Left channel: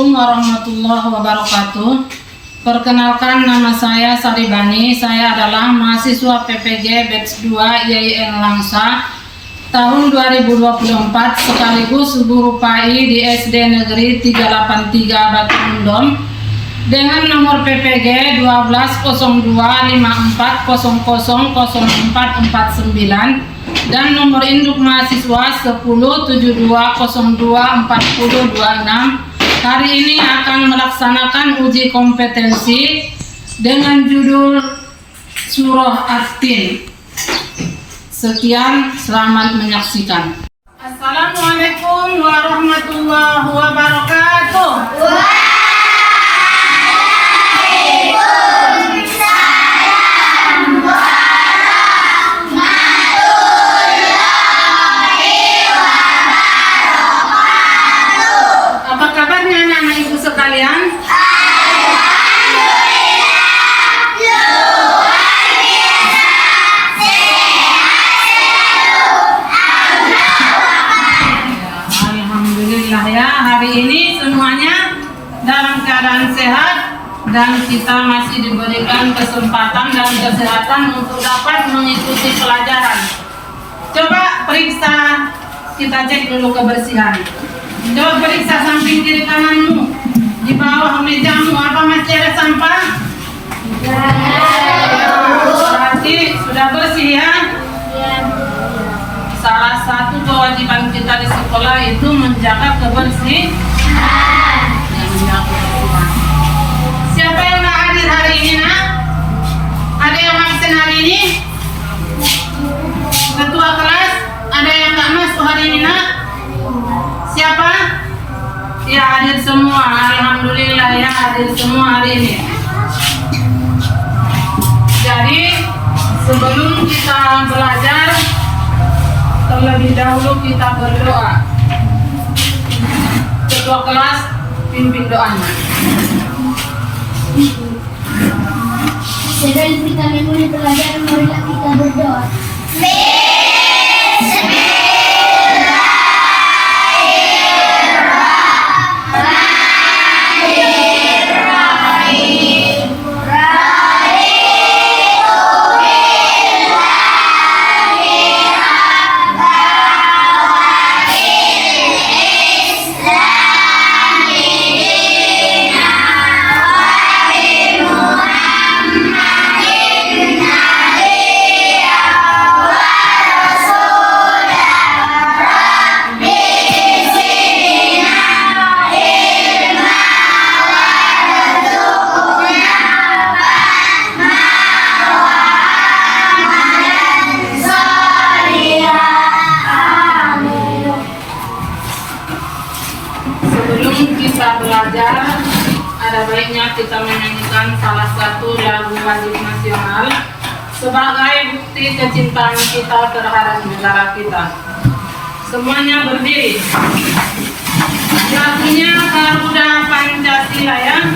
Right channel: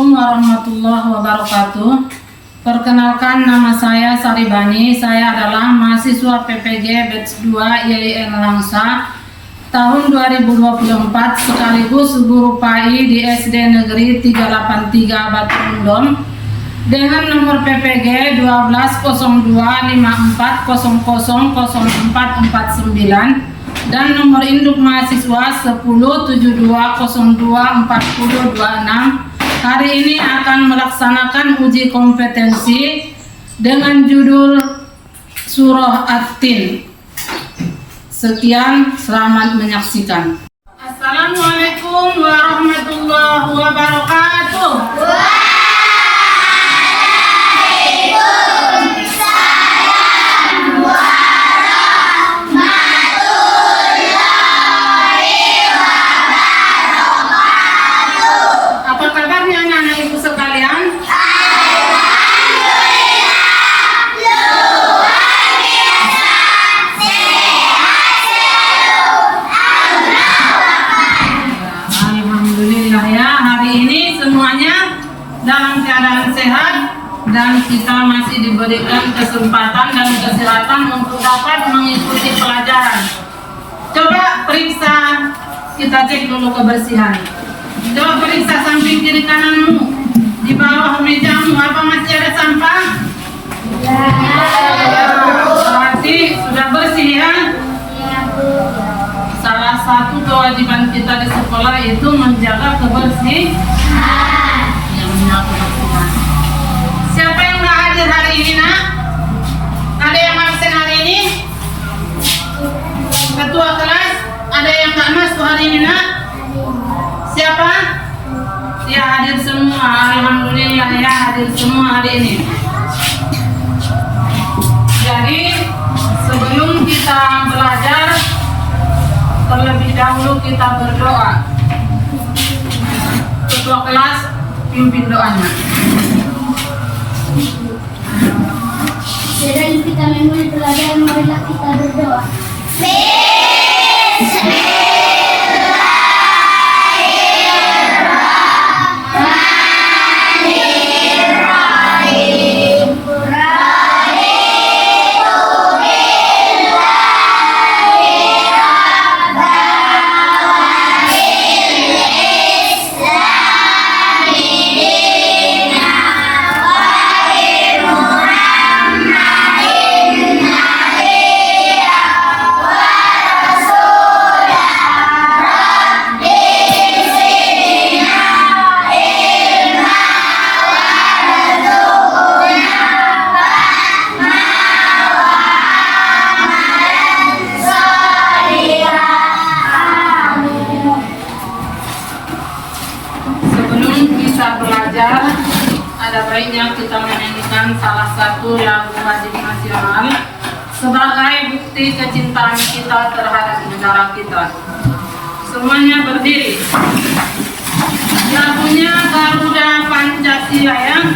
Assalamualaikum warahmatullahi wabarakatuh. Perkenalkan, nama saya Saribani. Saya adalah mahasiswa PPG Batch 2 IAIN Langsa tahun 2024 sekaligus guru PAI di SD Negeri 383 Batu Mendom dengan nomor PPG 120254000449 dan nomor induk mahasiswa 1072024026. Hari ini akan melaksanakan uji kompetensi dengan judul Surah At-Tin. Sekian, selamat menyaksikan. Assalamualaikum warahmatullahi wabarakatuh. Sekalian, alhamdulillah ya, hari ini semuanya dalam keadaan sehat dan kita masih diberikan kesempatan dan kesehatan untuk dapat mengikuti pelajaran. Coba periksa, kita cek dulu kebersihan. Coba periksa samping kiri kananmu. Di bawah mejamu apa masih ada sampah? Berarti sudah bersih ya? Salah satu kewajiban kita di sekolah itu menjaga kebersihan. Siapa yang nggak hadir hari ini, nak? Ada yang absen hari ini? Ketua kelas, ada yang nggak masuk hari ini, nak? Siapa? Ya, hadir semua. Alhamdulillah ya, hadir semua hari ini. Jadi sebelum kita belajar, terlebih dahulu kita berdoa. Ketua kelas pimpin doanya. Sedang kita memulai pelajaran, marilah kita berdoa. Belajar, ada baiknya kita menyanyikan salah satu lagu wajib nasional sebagai bukti kecintaan kita terhadap negara kita. Semuanya berdiri. Lagunya Garuda Pancasila ya.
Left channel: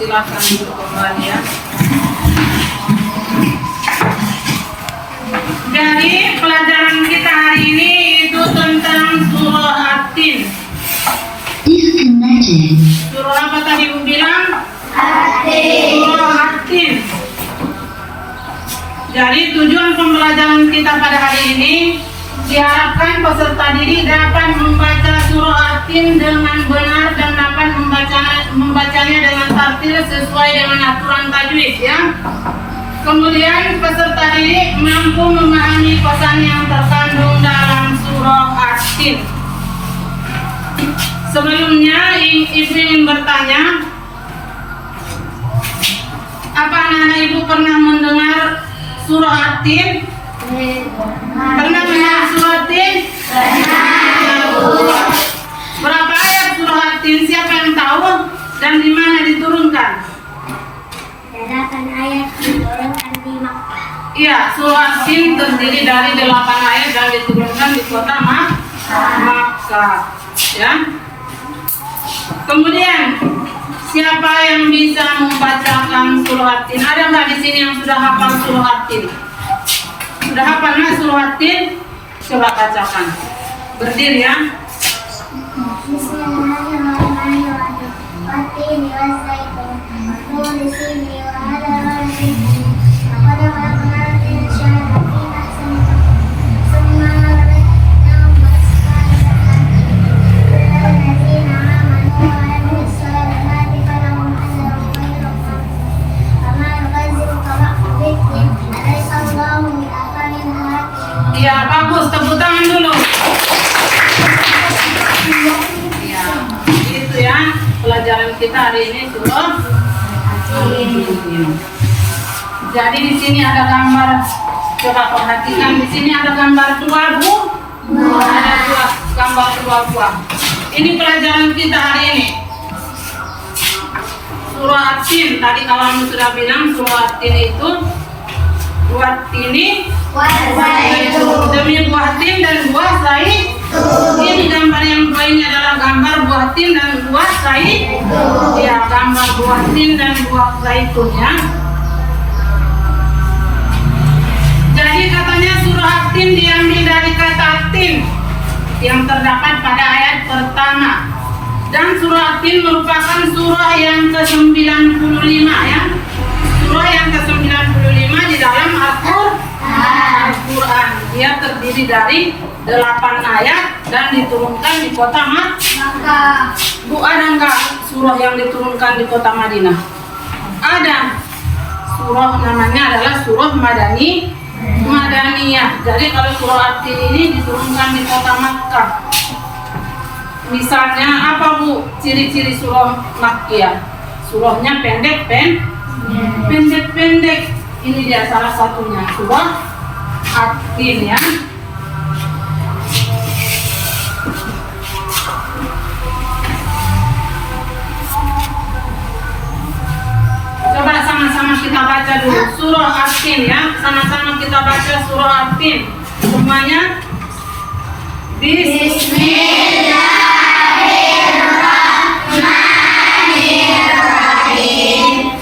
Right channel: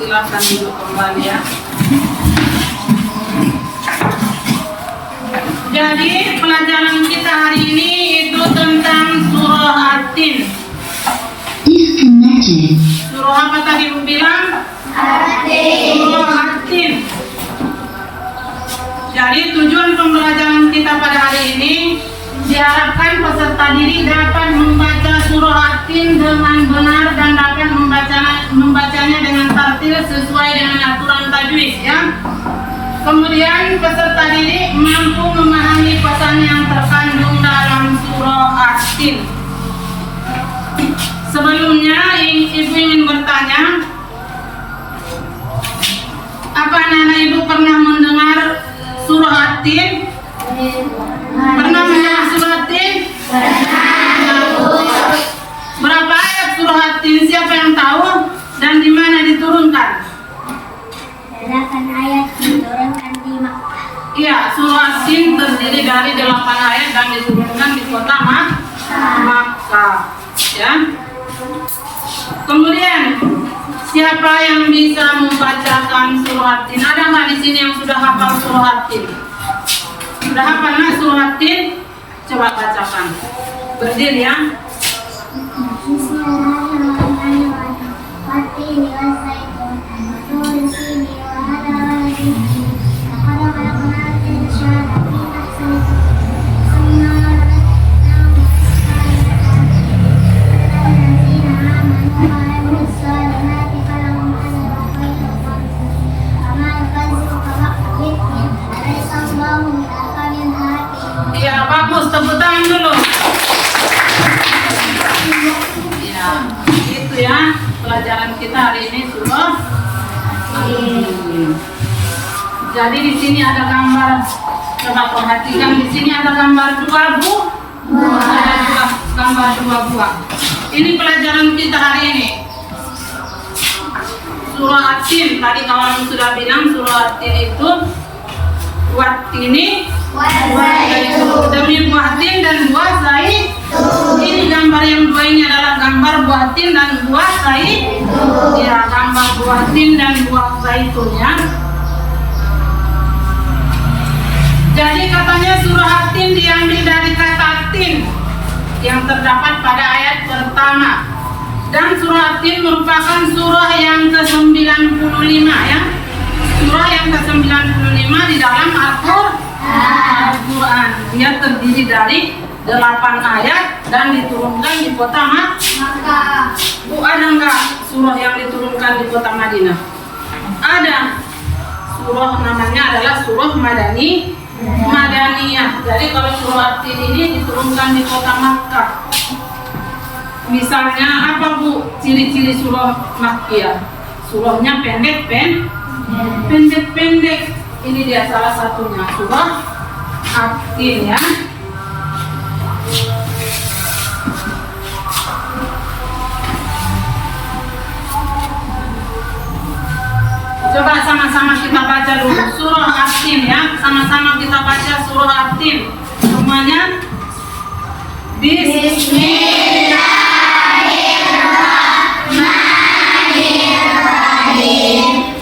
Silakan duduk kembali ya. Jadi pelajaran kita hari ini itu tentang surah At-Tin. Surah apa tadi Bu bilang? At-Tin. Surah At-Tin. Jadi tujuan pembelajaran kita pada hari ini diharapkan peserta didik dapat membaca surah At-Tin dengan benar dan dapat membacanya dengan tartil sesuai dengan aturan tajwid ya. Kemudian peserta didik mampu memahami pesan yang terkandung dalam surah At-Tin. Sebelumnya ibu ingin bertanya, apa anak-anak ibu pernah mendengar surah At-Tin? Pernah mendengar surah At-Tin? Berapa ayat surah At-Tin? Siapa yang tahu? Dan di mana diturunkan? 8 ayat diturunkan di Makkah. Iya, surah At-Tin terdiri dari 8 ayat dan diturunkan di kota Makkah. Ya. Kemudian siapa yang bisa membacakan surah At-Tin? Ada nggak di sini yang sudah hafal surah At-Tin? Sudah hafal nggak surah At-Tin? Coba bacakan. Berdiri ya. Bismillahirrahmanirrahim. Wat-tini waz-zaitun, wat-turi sini wa hadha baladin karim. Laqad khalaqnal insana fi ahsani taqwim. Thumma radadnahu asfala safilin. Lillazina amanu wa amilus solihati falahum ajrun ghairu mamnun. Wa ma yukazzibuka ba'du biddin. Alaysa Allahu biahkamil hakimin. Iya, bagus. Tepuk tangan dulu. Ya, gitu ya. Pelajaran kita hari ini surah At-Tin. Jadi di sini ada gambar. Coba perhatikan, di sini ada gambar dua buah. Ada gambar dua buah. Ini pelajaran kita hari ini. Surah At-Tin. Tadi kawan sudah bilang surah At-Tin itu Wat-tini demi buah tin dan buah zaitun. Ini gambar yang dua ini adalah gambar buah tin dan buah zaitun. Ya, gambar buah tin dan buah zaitun ya. Jadi katanya surah At-Tin diambil dari kata tin yang terdapat pada ayat pertama. Dan surah At-Tin merupakan surah yang ke-95 ya. Surah yang ke-95 di dalam Al-Quran. Dia terdiri dari 8 ayat dan diturunkan di kota Makkah. Bu, ada nggak surah yang diturunkan di kota Madinah? Ada. Surah namanya adalah surah Madaniyah. Jadi kalau surah At-Tin ini diturunkan di kota Makkah. Misalnya apa Bu ciri-ciri surah Makkiyah? Surahnya pendek-pendek. Ini dia salah satunya, surah At-Tin ya. Coba sama-sama kita baca dulu surah At-Tin ya. Sama-sama kita baca surah At-Tin. Semuanya. Bismillahirrahmanirrahim.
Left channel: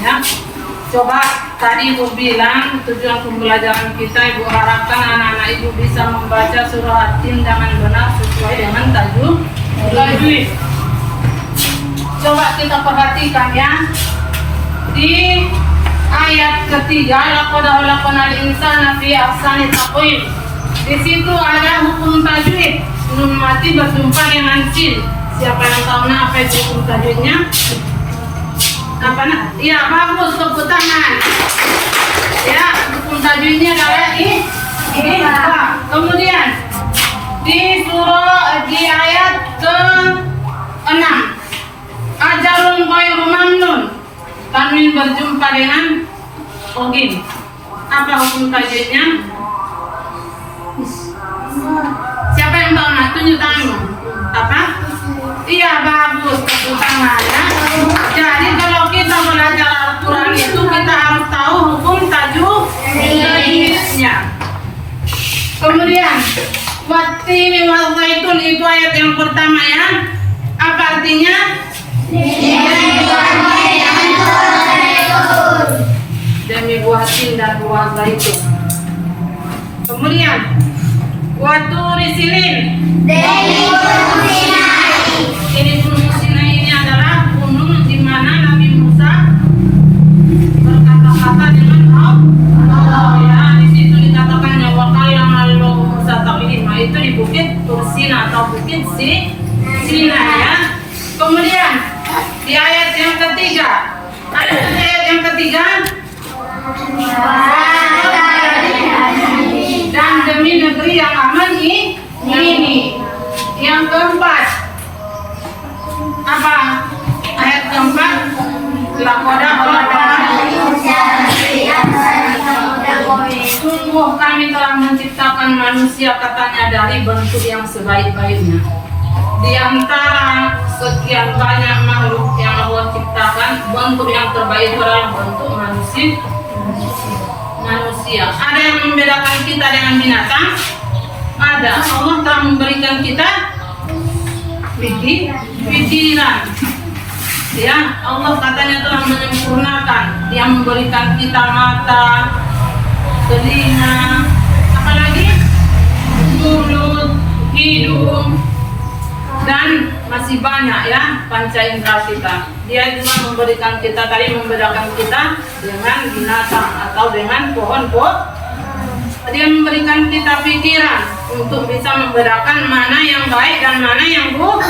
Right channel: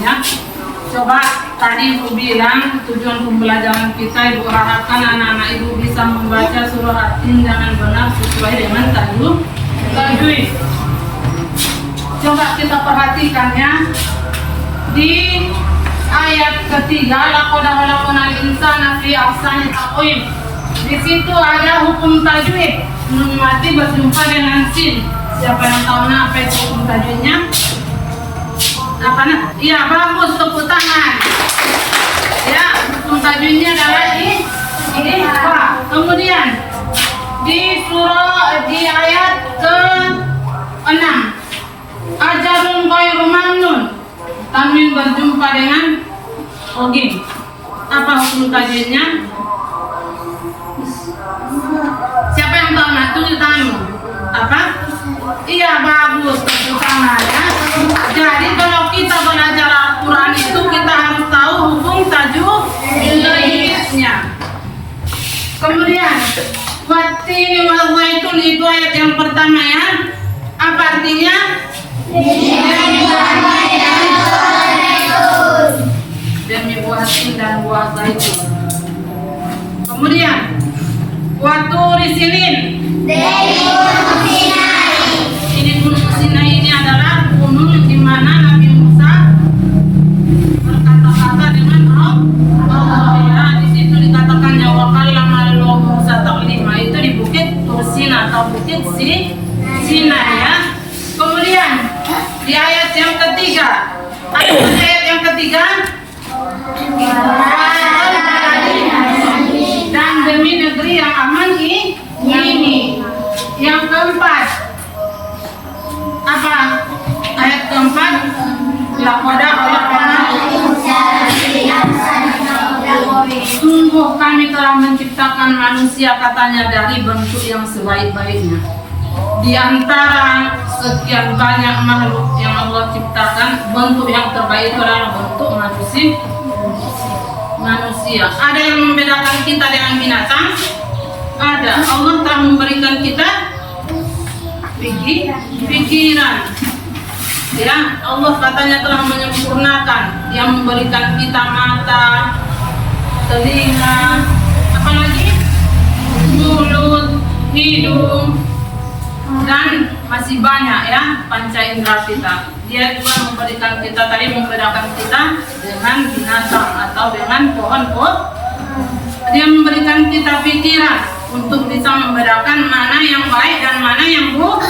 Ya. Coba tadi Ibu bilang tujuan pembelajaran kita, Ibu harapkan anak-anak Ibu bisa membaca surah At-Tin dengan benar sesuai dengan tajwid. Coba kita perhatikan ya. Di ayat ketiga, laqad khalaqnal insana fi ahsani taqwim. Di situ ada hukum tajwid. Belum mati berjumpa dengan sin. Siapa yang tahu apa itu hukum tajwidnya? Apa nah? Iya, bagus, tepuk tangan. Ya, hukum tajwidnya adalah ini apa? Kemudian di ayat ke-6, ajarun ghairu mamnun. Tanwin berjumpa dengan ogin. Apa hukum tajwidnya? Siapa yang tahu? Nah, tunjuk tanganmu. Apa? Iya, bagus, tepuk tangan ya. Jadi kalau kita belajar Al-Quran itu kita harus tahu hukum tajwidnya. Kemudian wattini wal zaitun itu ayat yang pertama ya. Apa artinya? Demi buah tin dan buah zaitun. Kemudian waturi sinin. Ini gunung Sinai ini adalah gunung di mana Nabi Musa berkata-kata dengan Allah. Ya, di situ dikatakan wa kallamallahu Musa taklima, itu di bukit Tursina atau bukit Sinai ya. Kemudian di ayat yang ketiga, ayat yang ketiga dan demi negeri yang aman ini. Yang keempat apa? Ayat keempat, laqad sungguh kami telah menciptakan manusia katanya dari bentuk yang sebaik-baiknya. Di antara sekian banyak makhluk yang Allah ciptakan, bentuk yang terbaik itu adalah bentuk manusia. Ada yang membedakan kita dengan binatang? Ada. Allah telah memberikan kita pikiran. Ya, Allah katanya telah menyempurnakan. Dia memberikan kita mata, telinga, apalagi mulut, hidung, dan masih banyak ya panca indera kita. Dia juga memberikan kita, tadi membedakan kita dengan binatang atau dengan pohon-pohon. Dia memberikan kita pikiran untuk bisa membedakan mana yang baik dan mana yang buruk.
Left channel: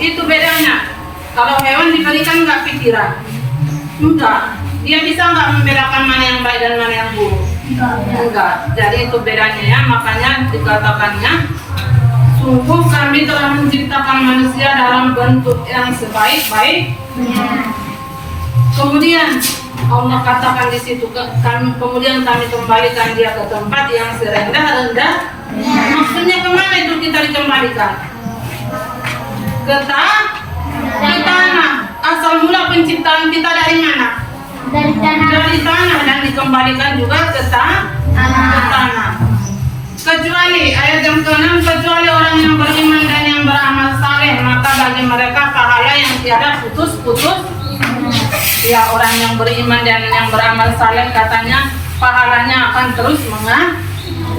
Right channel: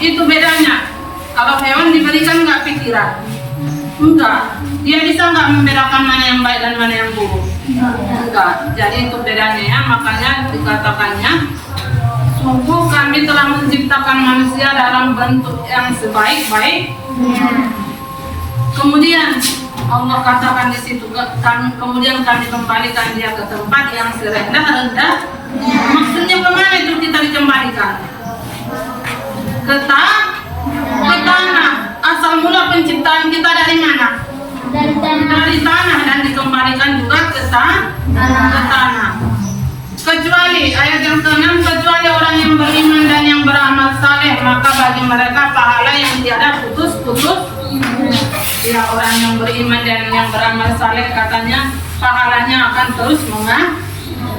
Itu bedanya. Kalau hewan diberikan nggak pikiran? Enggak. Dia bisa nggak membedakan mana yang baik dan mana yang buruk? Enggak. Jadi itu bedanya ya. Makanya dikatakannya, sungguh kami telah menciptakan manusia dalam bentuk yang sebaik-baiknya. Kemudian Allah katakan di situ, kemudian kami kembalikan dia ke tempat yang serendah-rendah. Maksudnya kemana itu kita dikembalikan? Ke tanah. Asal mula penciptaan kita dari mana? Dari tanah, dan dikembalikan juga ke tanah. Kecuali ayat yang ke-6, kecuali orang yang beriman dan yang beramal saleh, maka bagi mereka pahala yang tiada putus-putus. Ya, orang yang beriman dan yang beramal saleh katanya pahalanya akan terus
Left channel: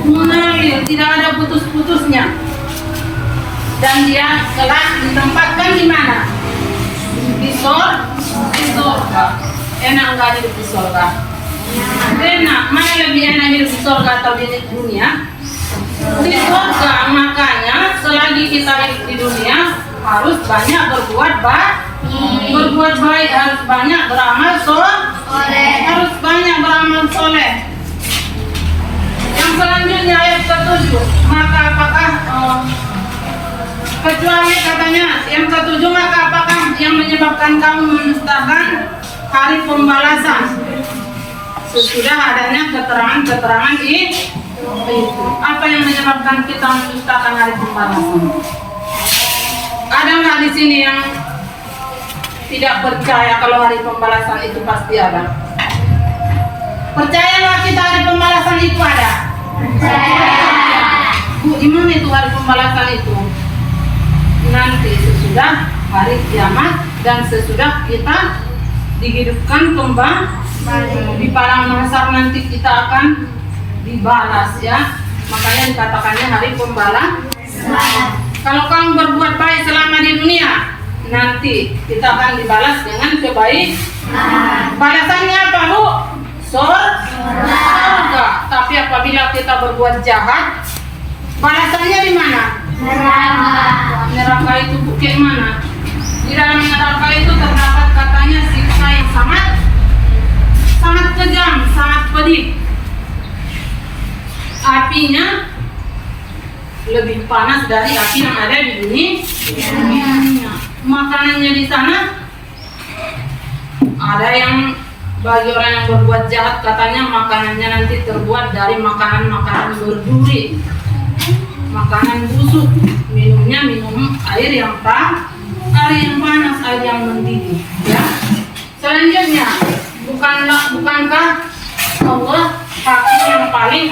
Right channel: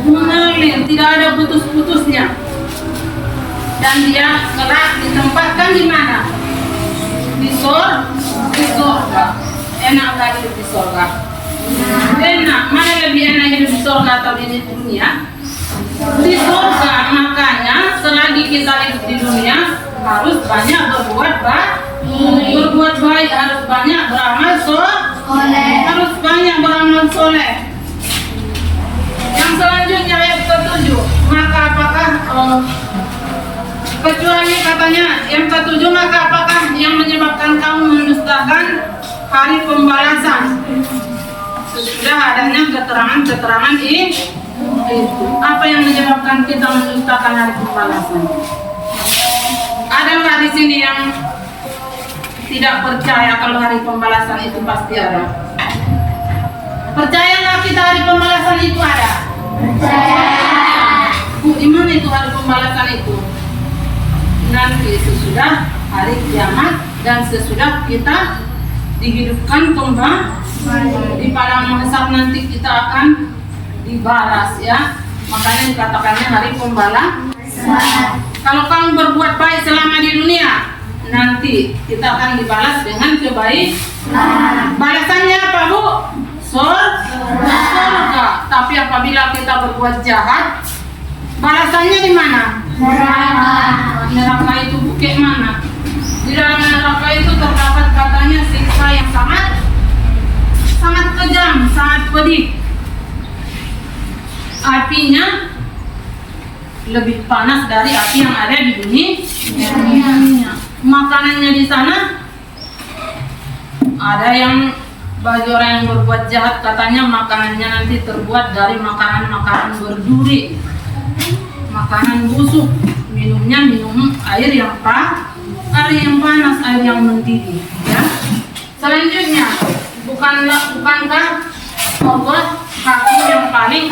mengalir, tidak ada putus-putusnya. Dan dia kelak ditempatkan di mana? Di surga. Enak nggak hidup di surga? Enak. Mana lebih enak hidup di surga atau di dunia? Di surga. Makanya selagi kita hidup di dunia harus banyak berbuat baik, harus banyak beramal soleh. Yang selanjutnya ayat ke-7, maka apakah kecuali katanya yang ke-7, maka apakah yang menyebabkan kamu mendustakan hari pembalasan sesudah adanya keterangan itu? Apa yang menyebabkan kita mendustakan hari pembalasan? Ada nggak di sini yang tidak percaya kalau hari pembalasan itu pasti ada? Percaya nggak kita hari pembalasan itu ada? Percaya. Di mana itu hari pembalasan itu? Nanti sesudah hari kiamat dan sesudah kita dihidupkan kembali di padang mahsyar, nanti kita akan dibalas ya. Makanya dikatakannya hari pembalasan. Kalau kamu berbuat baik selama di dunia, nanti kita akan dibalas dengan kebaikan. Balasannya apa, Bu? Surga. Tapi apabila kita berbuat jahat, balasannya di mana? Neraka itu bukit mana? Di dalam neraka itu terdapat katanya siksa yang sangat kejam, sangat pedih. Apinya lebih panas dari api yang ada di dunia. Makanannya di sana ada yang bagi orang yang berbuat jahat katanya makanannya nanti terbuat dari makanan-makanan berduri, makanan busuk. Minumnya minum air yang air yang panas, air yang mendidih. Ya. Selanjutnya, bukankah Allah hakim yang paling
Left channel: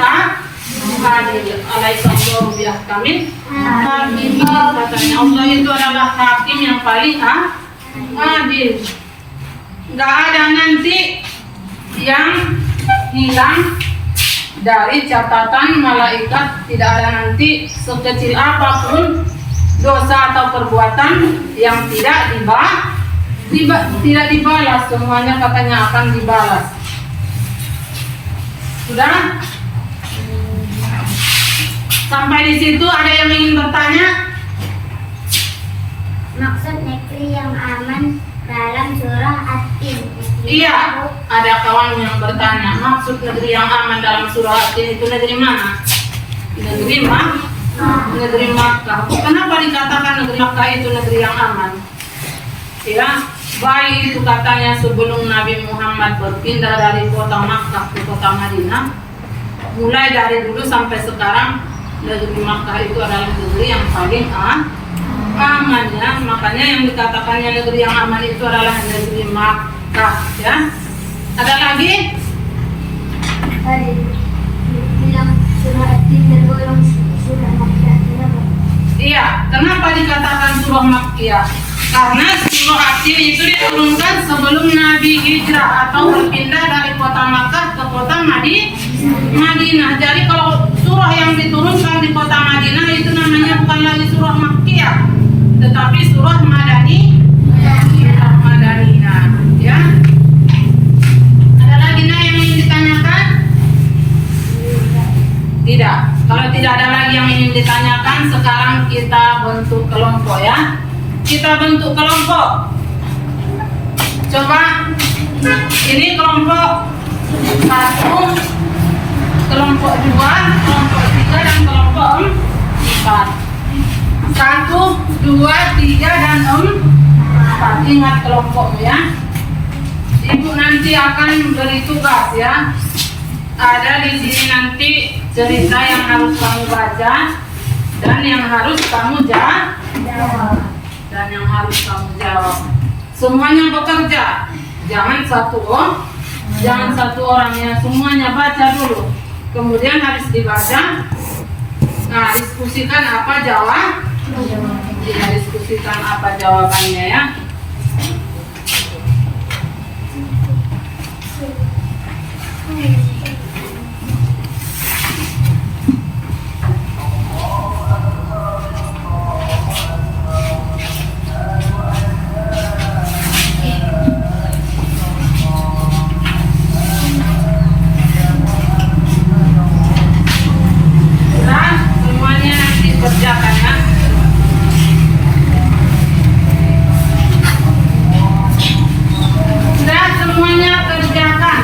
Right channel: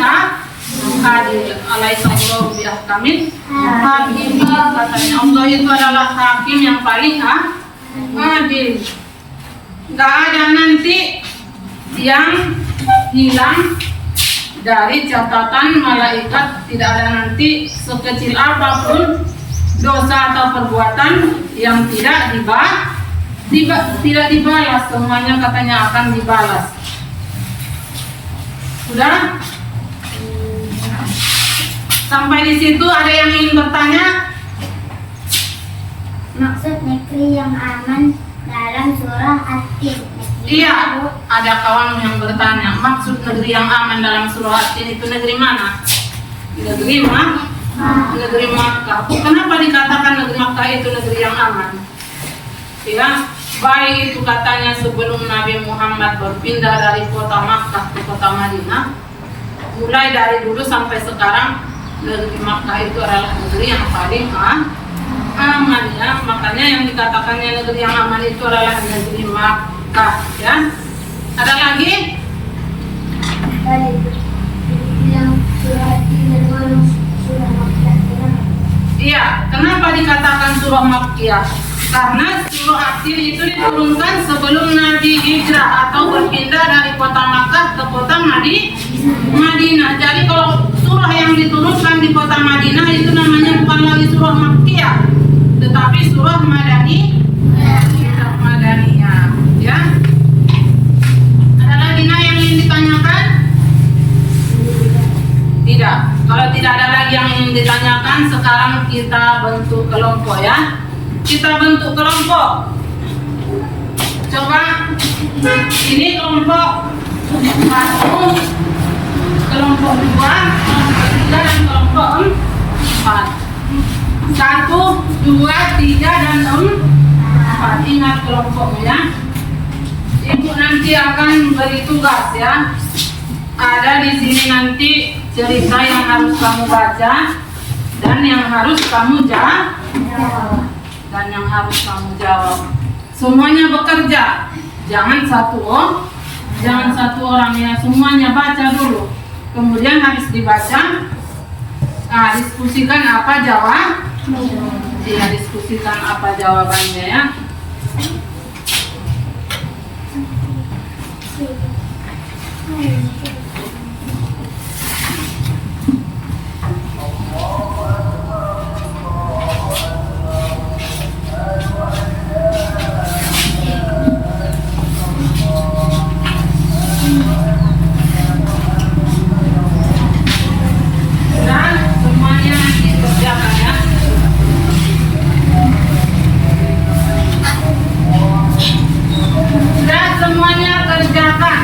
adil? Alaihissallahu biahkamil hakimin, katanya Allah itu adalah hakim yang paling adil. Gak ada nanti yang hilang dari catatan malaikat, tidak ada nanti sekecil apapun dosa atau perbuatan yang tidak dibalas, semuanya katanya akan dibalas. Sudah? Sampai di situ ada yang ingin bertanya? Maksud negeri yang aman dalam surah At-Tin. Iya, ada kawan yang bertanya, maksud negeri yang aman dalam surah At-Tin itu negeri mana? Negeri Makkah. Kenapa dikatakan negeri Makkah itu negeri yang aman? Ya, baik itu katanya sebelum Nabi Muhammad berpindah dari kota Makkah ke kota Madinah, mulai dari dulu sampai sekarang negeri Makkah itu adalah negeri yang paling aman, ya. Makanya yang dikatakannya negeri yang aman itu adalah negeri Makkah, ya. Ada lagi? Yang surah At-Tin tergolong surah Makkiyah. Iya, kenapa dikatakan surah Makkiyah? Karena surah At-Tin itu diturunkan sebelum Nabi hijrah atau berpindah dari kota Makkah ke kota Madinah. Jadi kalau surah yang diturunkan di kota Madinah itu namanya bukan lagi surah Makkiyah, tetapi surah Madaniyah, ya. Ada lagi yang ingin ditanyakan? Tidak. Kalau tidak ada lagi yang ingin ditanyakan, sekarang kita bentuk kelompok, ya. Kita bentuk kelompok. Coba ini kelompok 1, kelompok 2, kelompok 3 dan kelompok 4. 1, 2, 3 dan 4. Ingat kelompokmu, ya. Ibu nanti akan beri tugas, ya. Ada di sini nanti cerita yang harus kamu baca dan yang harus kamu jawab. Semuanya bekerja. Jangan satu orang, ya. Semuanya baca dulu. Kemudian habis dibaca, diskusikan apa diskusikan apa jawabannya, ya. Semuanya nanti kerjakan, ya. Sudah semuanya kerjakan.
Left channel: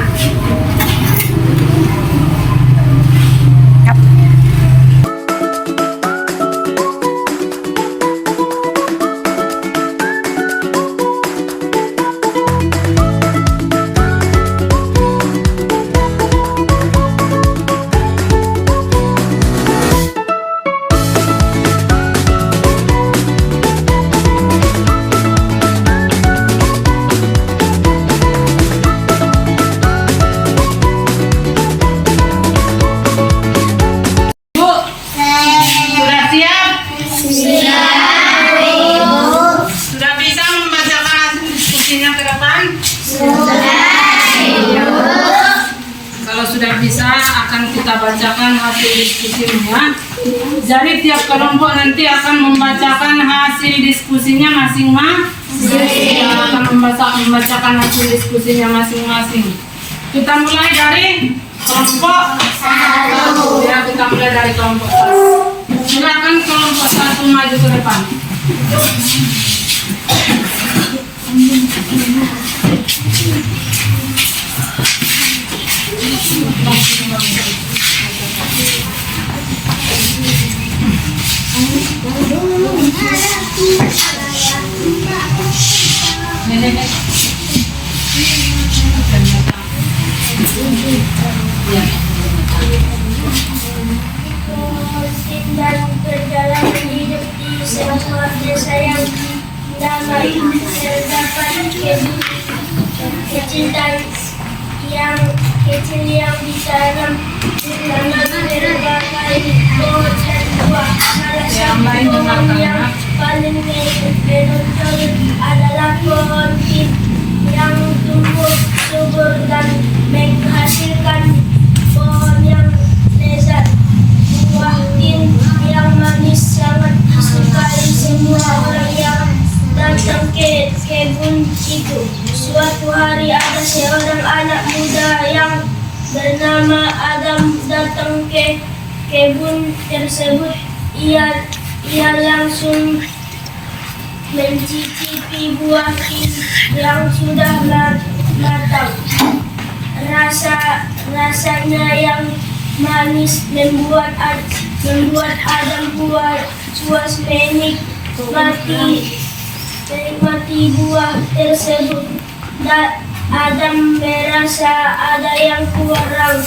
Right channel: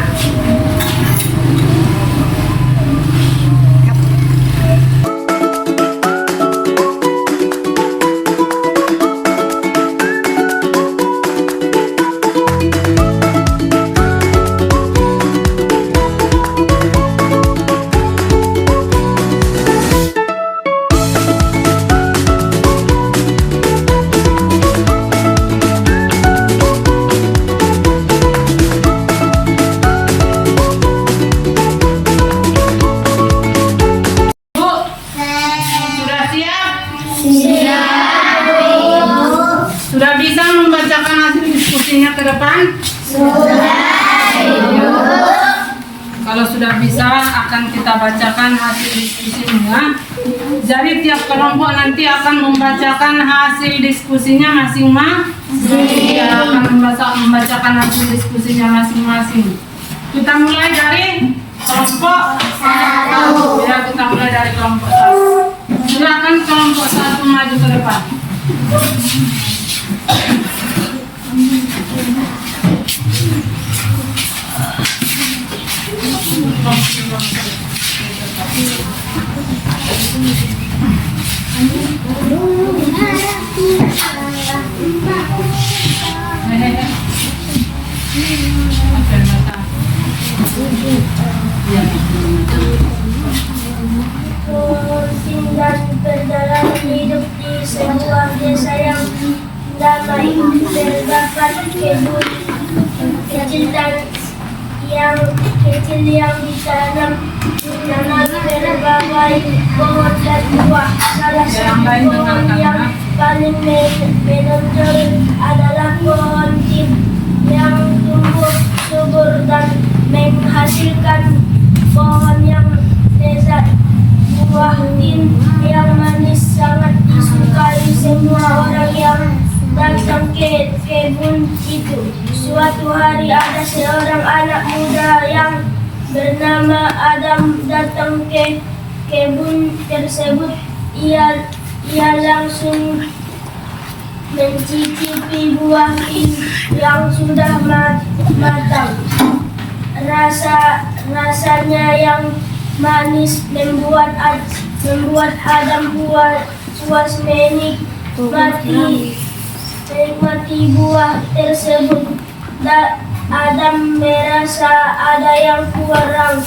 Sudah bisa membacakan hasil diskusinya ke depan? Kalau sudah bisa, akan kita bacakan hasil diskusinya. Jadi tiap kelompok nanti akan membacakan hasil diskusinya masing-masing. Akan membacakan hasil diskusinya masing-masing. Kita mulai dari kelompok 1. Ya, kita mulai dari kelompok 1. Silakan kelompok 1 maju ke depan. Tinggal perjalanan hidup di sebuah desa yang damai, terdapat kecintaan yang kecil yang ditanam tanam berbagai pohon dan buah. Salah satu pohon yang paling menonjol adalah pohon tin yang tumbuh subur dan menghasilkan pohon yang lezat. Buah tin yang manis sangat disukai semua orang yang datang ke kebun itu. Suatu hari ada seorang anak muda yang bernama Adam datang ke kebun tersebut. Ia langsung mencicipi buah tin yang sudah matang. Rasanya yang manis membuat Adam puas menikmati buah tersebut. Adam merasa ada yang kurang.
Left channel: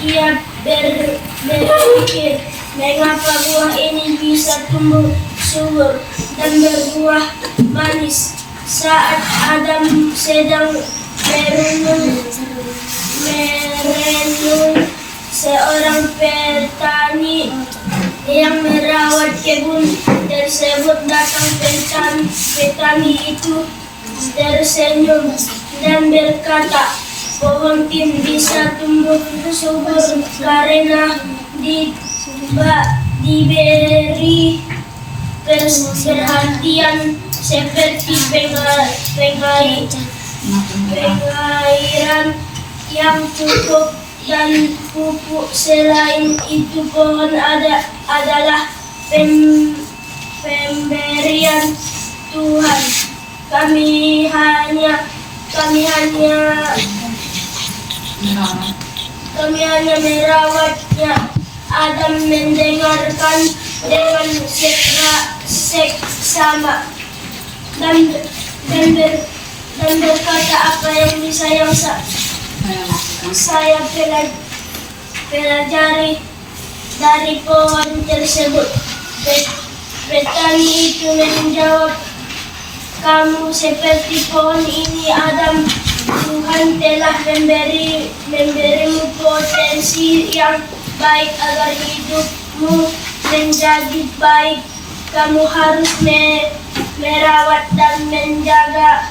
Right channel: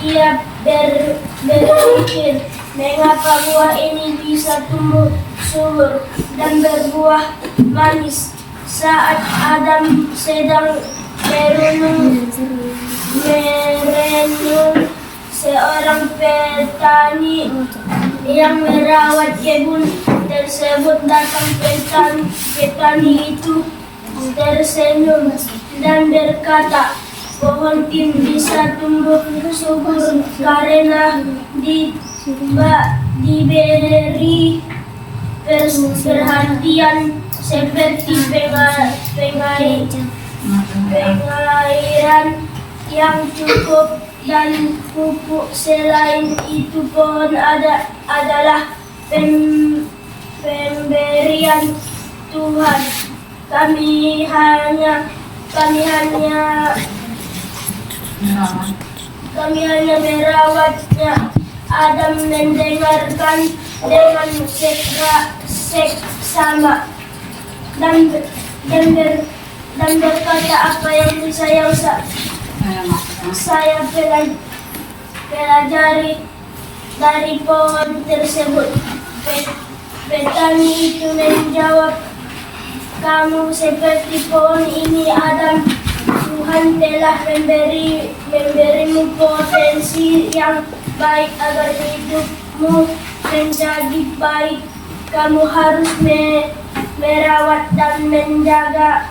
Ia berpikir, mengapa buah ini bisa tumbuh subur dan berbuah manis. Saat Adam sedang merenung, seorang petani yang merawat kebun tersebut datang. Petani itu tersenyum dan berkata, pohon tin bisa tumbuh subur karena diberi perhatian seperti pengairan yang cukup dan pupuk. Selain itu, pohon adalah pemberian Tuhan. Kami hanya merawatnya. Adam mendengarkan dengan seksama dan berkata, apa yang bisa saya pelajari dari pohon tersebut. Petani itu menjawab, kamu seperti pohon ini, Adam. Tuhan telah memberimu potensi yang baik agar hidupmu menjadi baik. Kamu harus merawat dan menjaga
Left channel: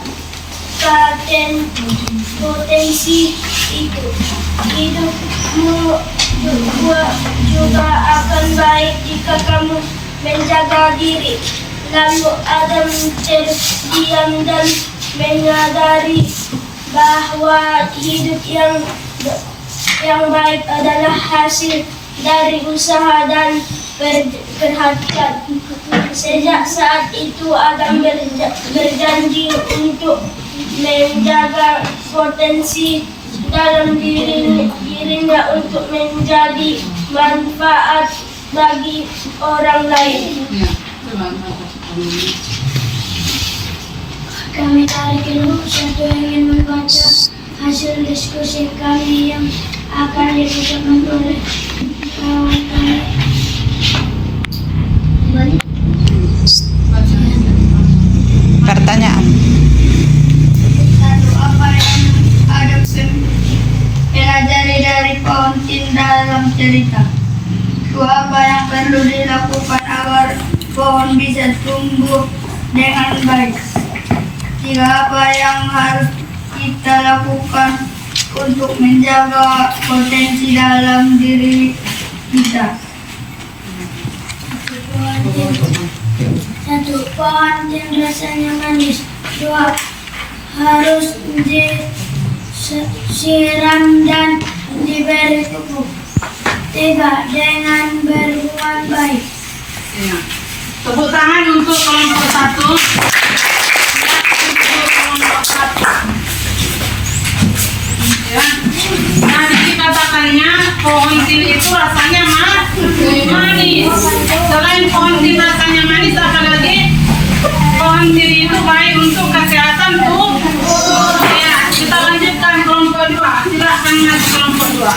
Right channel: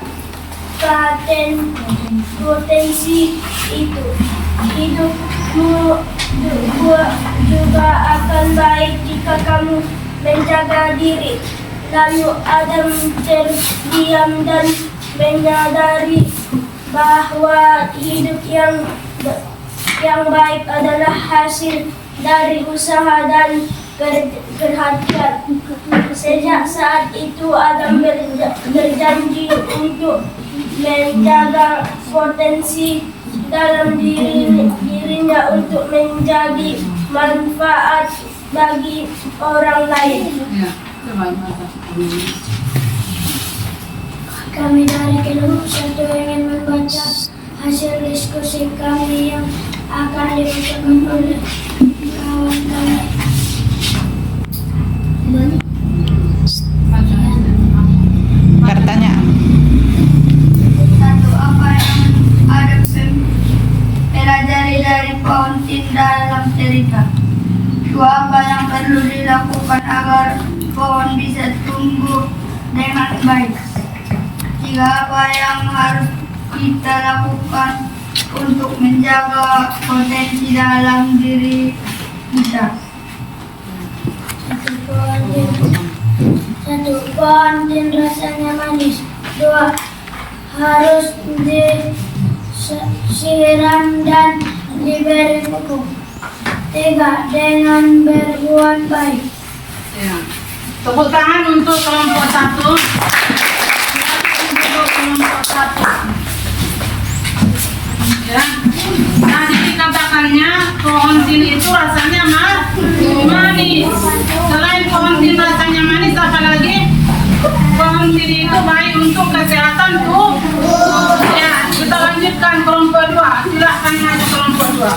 potensi itu. Hidupmu juga akan baik jika kamu menjaga diri. Lalu Adam terdiam dan menyadari bahwa hidup yang baik adalah hasil dari usaha dan perhatian. Sejak saat itu Adam berjanji untuk menjaga potensi dalam dirinya untuk menjadi manfaat bagi orang lain. Kami dari kelompok satu ingin membaca hasil diskusi kami yang akan dilakukan oleh kawan kami. Pertanyaan. Satu, apa yang Adam pelajari dari pohon tin dalam cerita? Dua, apa yang perlu dilakukan agar pohon bisa tumbuh dengan baik? Tiga, apa yang harus kita lakukan untuk menjaga potensi dalam diri kita? Satu, pohon tin rasanya manis. Dua, harus disiram dan diberi pupuk. Tiga, dengan berbuat baik. Ya. Tepuk tangan untuk kelompok satu. Untuk kelompok satu. Ya. Nanti dikatakannya pohon tin itu rasanya manis. Selain pohon tin rasanya manis, apalagi pohon tin itu baik untuk kesehatan tuh. Ya, kita lanjutkan kelompok dua. Silakan maju kelompok dua.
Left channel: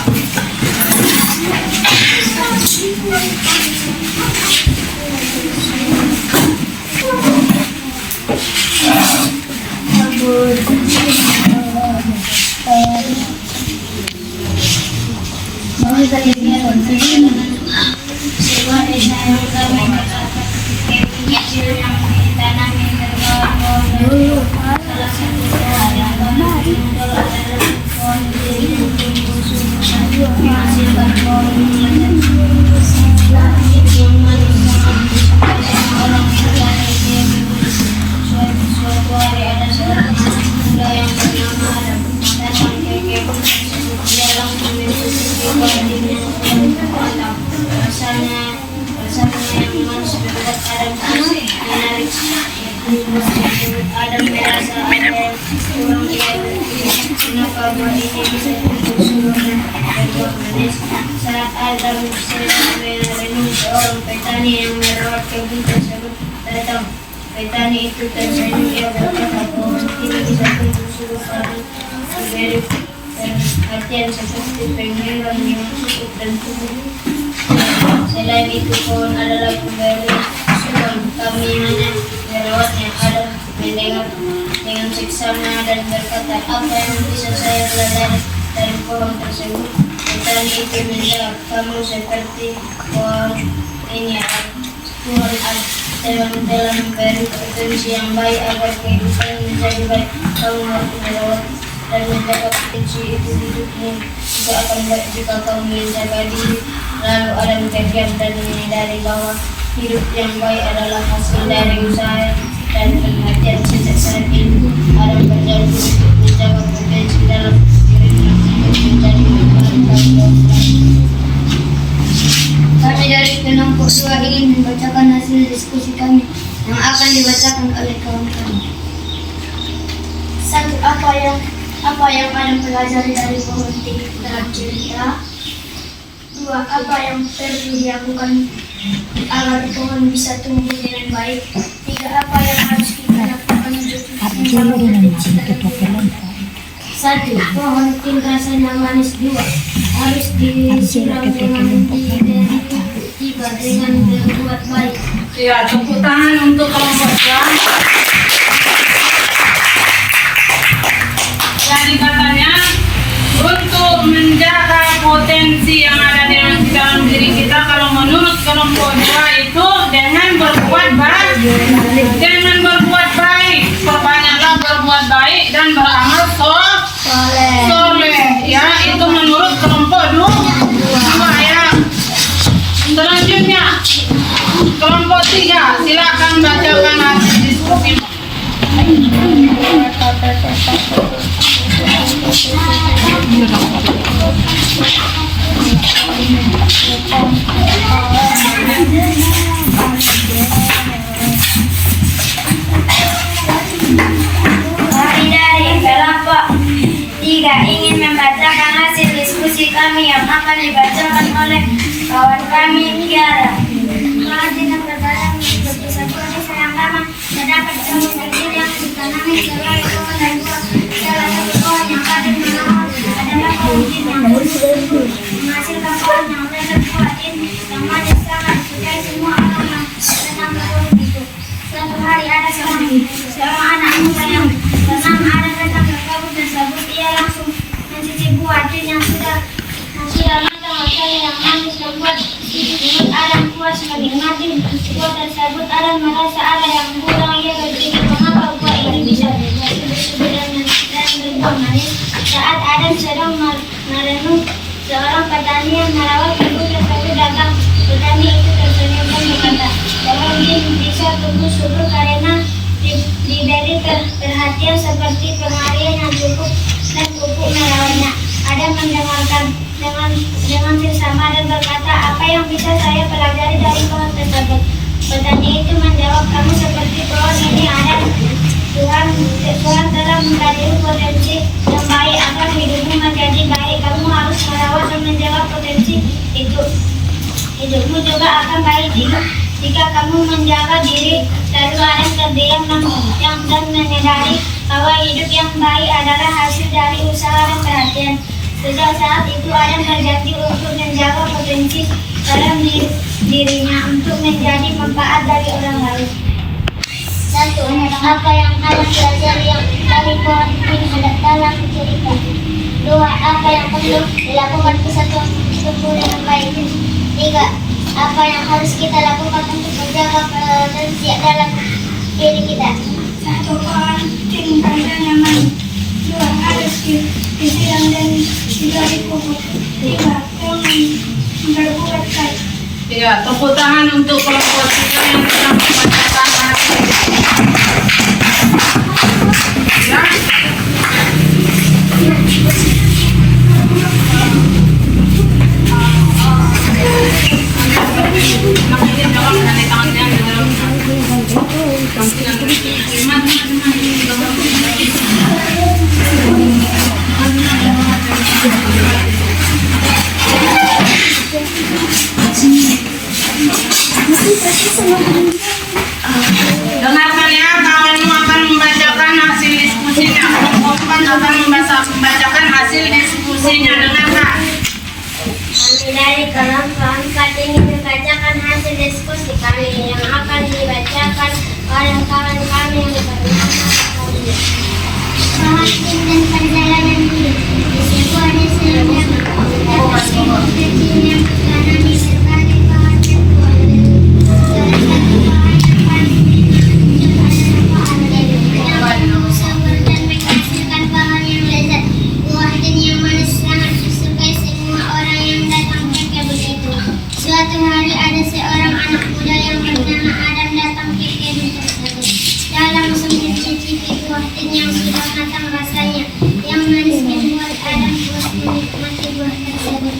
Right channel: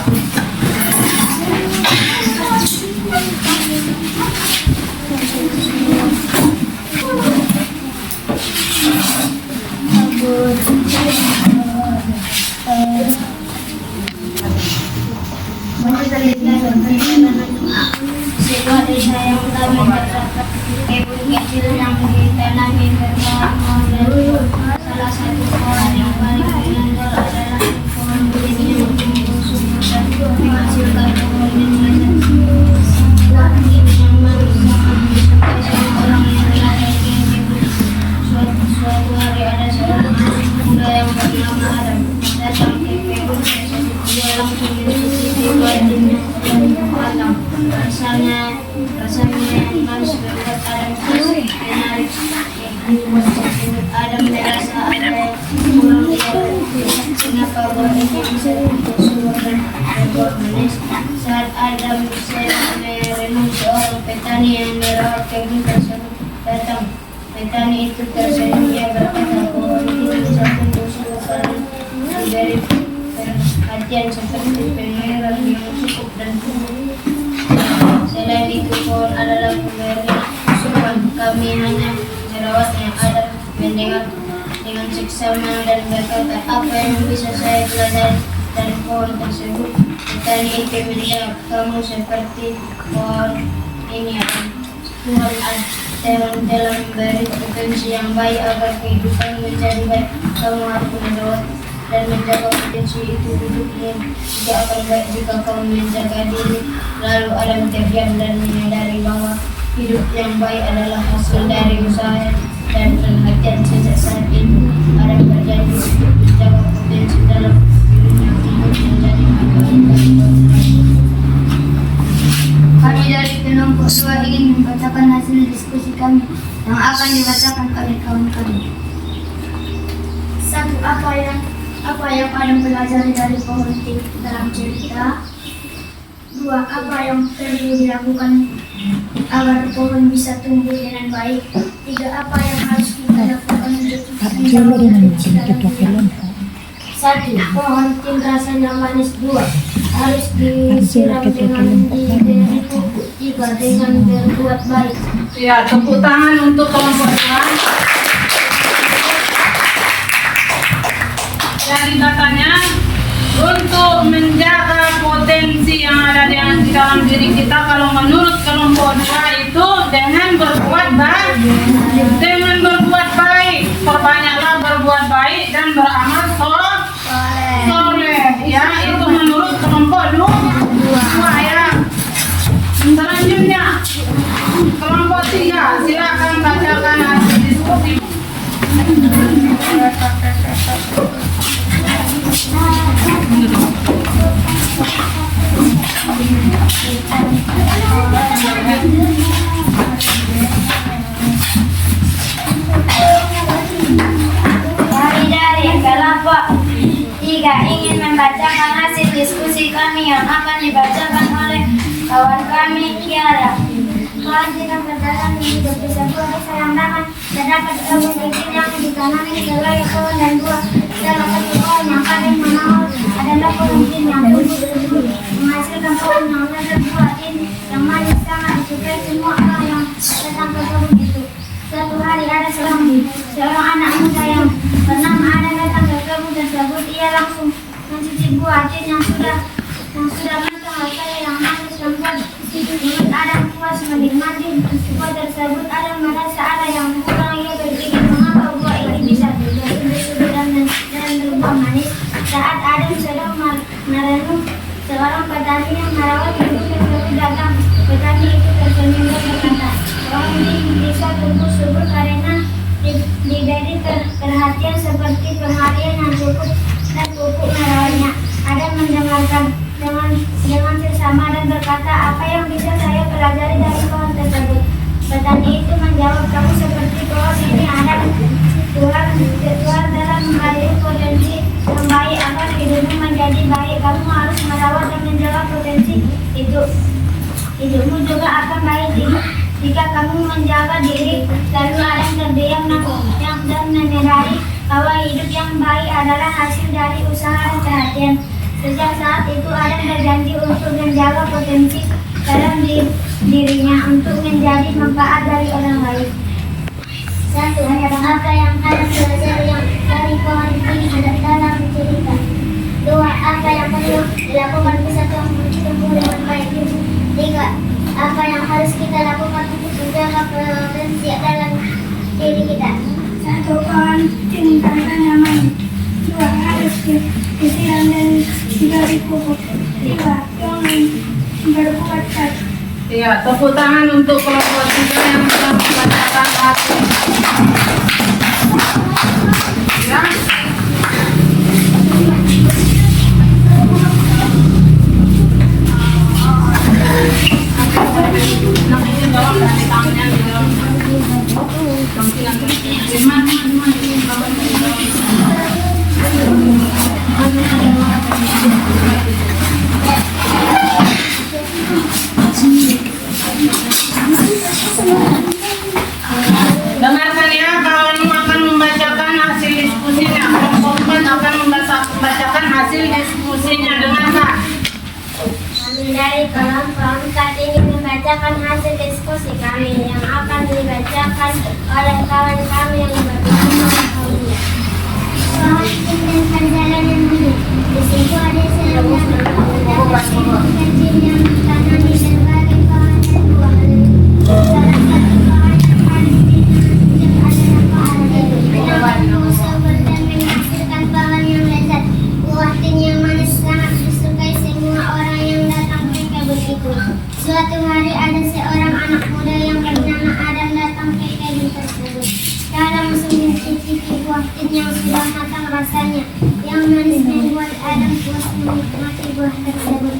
sebuah desa yang damai terdapat kebun kecil yang ditanami berbuah-buah. Salah satu pohon yang paling menonjol adalah pohon beringin yang tumbuh subur dan menghasilkan pohon yang lebat. Buah beringin yang manis sangat disukai semua orang yang berada di kebun. Suatu hari ada seorang anak muda yang bernama Adam datang ke kebun tersebut. Dia langsung mencicipi buah beringin yang sudah matang. Rasanya yang manis membuat Adam terus menarik buah tersebut. Adam merasa ada yang kurang. Ia berpikir, kenapa buah ini bisa tumbuh subur dan berbuah manis? Saat Adam sedang merenung, seorang petani yang merawat kebun tersebut datang. Petani itu tersenyum. Ia berkata, pohon ini bisa tumbuh subur karena diberi perhatian seperti pengairan yang cukup dan tumbuh. Selain itu, pohon adalah pemberi asuhan. Kami hanya merawatnya. Adam mendengar dengan seksama dan berkata, apa yang bisa saya pelajari dari pohon tersebut? Petani itu menjawab, kamu seperti pohon ini, Adam. Tuhan telah memberi potensi yang baik agar kehidupan menjadi baik. Kamu harus merawat dan menjaga potensi itu. Hidupmu juga akan baik jika kamu menjaga diri. Lalu Adam terdiam dan menyadari bahwa hidup yang baik adalah hasil dari usaha dan perhatian. Sejak saat itu Adam berjanji untuk menjaga potensi dalam dirinya untuk menjadi baik bagi orang lain. Kami dari kelompok 2 ingin membacakan hasil diskusi kami yang akan dibacakan oleh kawan kami. 1. Apa yang Adam pelajari dari pohon dalam cerita? 2. Apa yang perlu dilakukan agar pohon bisa tumbuh dengan baik? 3. Apa yang harus kita lakukan untuk menjaga potensi dalam diri? 1. Pohon tin rasanya manis. 2. Harus disiram dengan diberi pupuk. 3. Dengan berbuat baik. Ya, tepuk tangan untuk kelompok 2. Jadi katanya untuk menjaga potensi yang ada di dalam diri kita, kalau menurut kelompok 2 itu dengan berbuat baik, perbanyaklah berbuat baik dan beramal soleh. Ya, itu menurut kelompok 2 ya. Selanjutnya kelompok 3, silakan bacakan hasil diskusi. Dari kelompok 3 ingin membacakan hasil diskusi kami yang akan dibacakan oleh kawan kami, Kiara. Kalau tidak berdalam hidup di sebuah desa yang damai, terdapat kebun kecil yang ditanami sebagai pohon dan buah. Salah satu pohon yang paling menonjol adalah pohon tin yang tumbuh subur, menghasilkan pohon yang lebat. Buah tin yang manis sangat disukai semua orang yang datang ke kebun itu. Suatu hari ada seorang anak muda yang bernama Adam datang ke kebun tersebut. Ia langsung mencicipi buah tin yang sudah matang. Rasanya yang manis lembut membuat Adam puas menikmati buah tersebut. Adam merasa ada yang kurang. Ia berpikir, mengapa buah ini bisa subur dan berbuah manis. Saat Adam sedang merenung, seorang petani yang merawat kebun tersebut datang. Petani itu tersenyum dan berkata, pohon ini bisa tumbuh subur karena diberi perhatian seperti pengarian yang cukup dan pupuk merawatnya. Adam mendengarkan dengan seksama dan berkata, apa yang bisa saya pelajari dari pohon tersebut? Petani itu menjawab, kamu seperti pohon ini, Adam. Tuhan telah memberi potensi yang baik agar hidupmu menjadi baik. Kamu harus merawat dan menjaga potensi itu. Hidupmu juga akan baik jika kamu menjaga diri. Lalu Adam terdiam dan menyadari bahwa hidup yang baik adalah hasil dari usaha dan perhatian. Sejak saat itu Adam berjanji untuk menjaga potensi dalam dirinya untuk menjadi manfaat dari orang lain. 1. Apa yang Adam pelajari yang dari pohon ini ada dalam cerita? 2. Apa yang perlu dilakukan bisa tumbuh Apa yang harus kita lakukan untuk menjaga potensi dalam diri kita? 1. Pohon tin dan nyaman. 2. Harus disiram dan diberi pupuk. 3. Jangan berbuat baik. Ya, tepuk tangan untuk kelompok 3 yang telah membacakan hasil. Ya. Nanti jawab dari tangannya di dalam. Dengarkan ya, kawan akan membacakan hasil diskusinya. Kelompok 4 akan membacakan hasil diskusinya. Dengarkan. Kami dari kelompok 4 ingin membacakan hasil diskusi kami yang akan dibacakan oleh kawan kami yang bernama Paulina. Pohon tin dan perjalanan hidup. Di situ ada serangga kecil yang ditanami berbagai pohon dan buah. Salah satu pohon yang paling muncul adalah pohon tin yang tumbuh subur dan menghasilkan pohon yang lezat. Buah tin yang manis sangat disukai semua orang yang datang ke kebun itu. Suatu hari ada seorang anak muda yang bernama Adam datang ke kebun tersebut. Dalam mencicipi buah tin yang sudah matang rasanya, yang manis membuat Adam puas menikmati buah tersebut.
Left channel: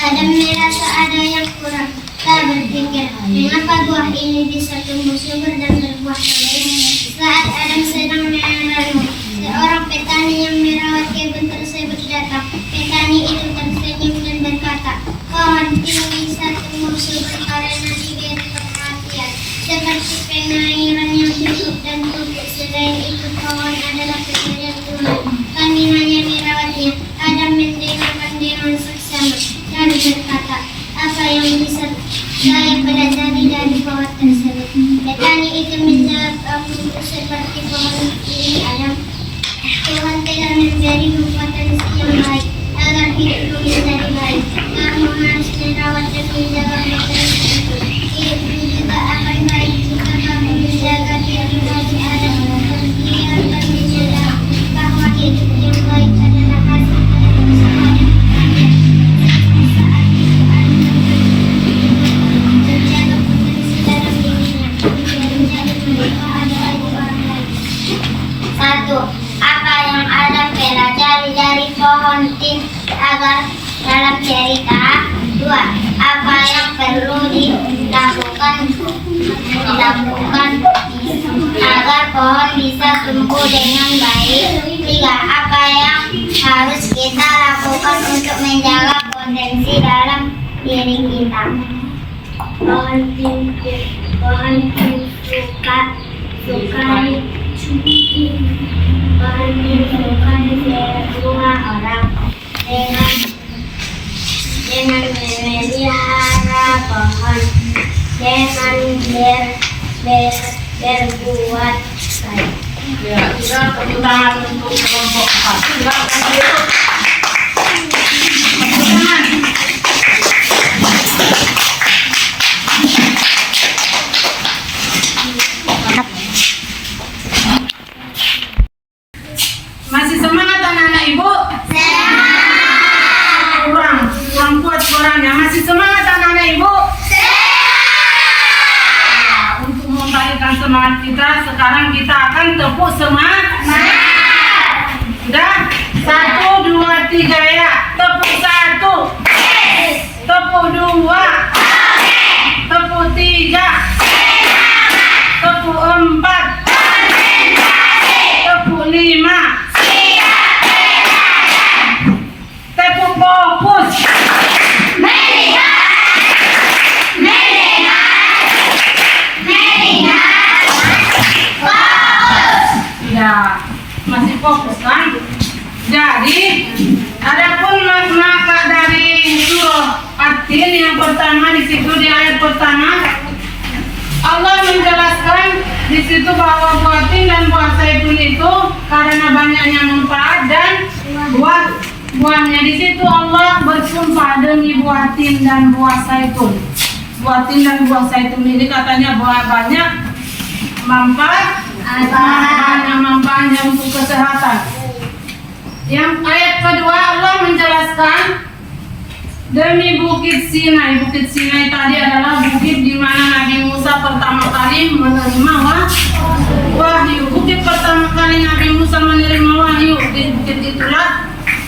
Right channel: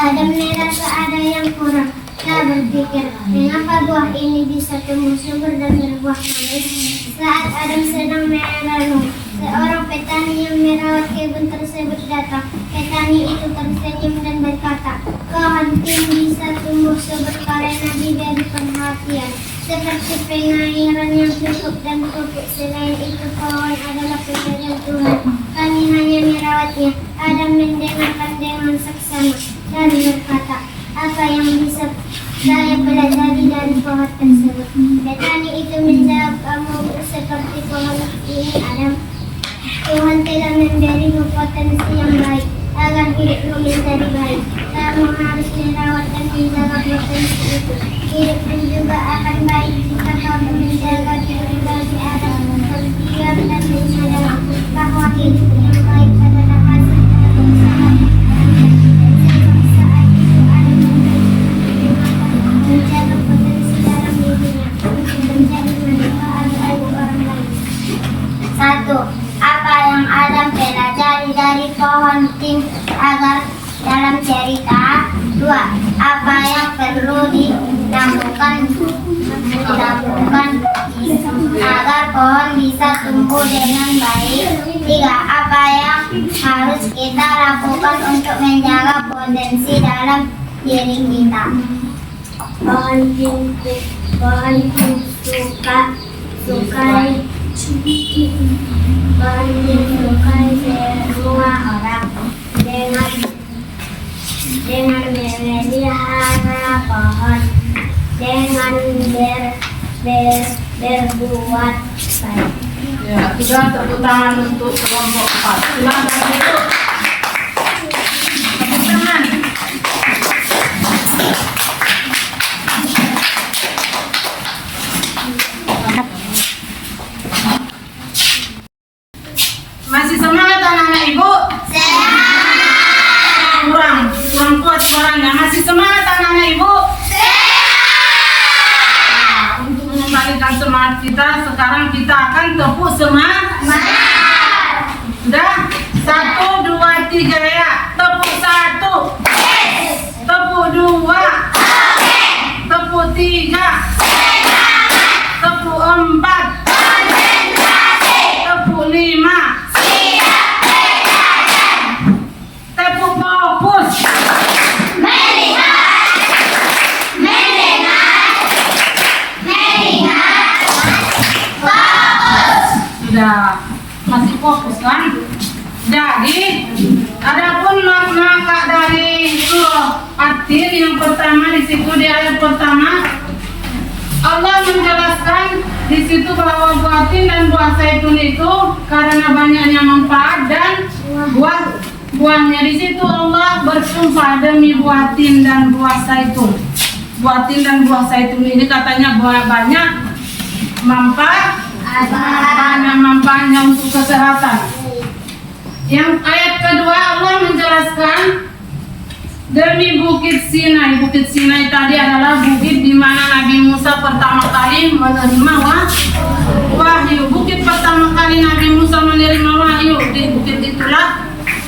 Adam merasa ada yang kurang. Tak berpikir, mengapa buah ini bisa tumbuh subur dan berbuah manis. Saat Adam sedang merenung, seorang petani yang merawat kebun tersebut datang. Petani itu tersenyum dan berkata, pohon tin bisa tumbuh subur karena diberi perhatian, seperti pengairan yang cukup dan pupuk. Selain itu, pohon adalah pemberian Tuhan. Kami hanya merawatnya. Adam mendengarkan dengan seksama, lalu berkata, apa yang bisa saya pelajari dari pohon tersebut? Petani itu menjawab, kamu seperti pohon ini Adam. Tuhan telah memberimu potensi yang baik agar hidupmu menjadi baik. Kamu harus merawat dan menjaga potensi itu. Hidupmu juga akan baik jika kamu menjaga diri dari Adam, berdiam dan menyadari bahwa hidup yang baik adalah hasil dari usaha dan menjaga potensi dalam dirinya menjadi manfaat bagi orang lain. 1. Apa yang Adam pelajari dari pohon tin agar dalam cerita? 2. Apa yang perlu dilakukan agar pohon bisa tumbuh dengan baik? 3. Apa yang harus kita lakukan untuk menjaga potensi dalam diri kita? Pohon tin sukai semua orang dengan memelihara pohon, dengan berbuat baik. Ya, kita tepuk tangan untuk kelompok 4. Silakan duduk. Tepuk tangan. Masih semangat anak-anak ibu? Semangat. Kurang kuat suaranya. Masih semangat anak-anak ibu? Semangat. Untuk mengembalikan semangat kita, sekarang kita akan tepuk semangat. Sudah? 1, 2, 3 ya. Tepuk 1. Tepuk 2. Tepuk 3. Tepuk 4. Tepuk 5. Tepuk fokus. Sudah, masih fokus kan? Jadi, adapun makna dari surah At-Tin yang pertama di situ di ayat pertama, Allah menjelaskan di situ bahwa buah tin dan buah zaitun itu karena banyaknya manfaat dan buahnya. Di situ Allah bersumpah demi buah tin dan buah zaitun. buah tin dan buah zaitun ini katanya buah banyak manfaatnya untuk kesehatan. Yang ayat kedua Allah menjelaskan demi Bukit Sinai. Bukit Sinai tadi adalah bukit di mana Nabi Musa pertama kali menerima wahyu. Bukit pertama kali Nabi Musa menerima wahyu, di bukit itulah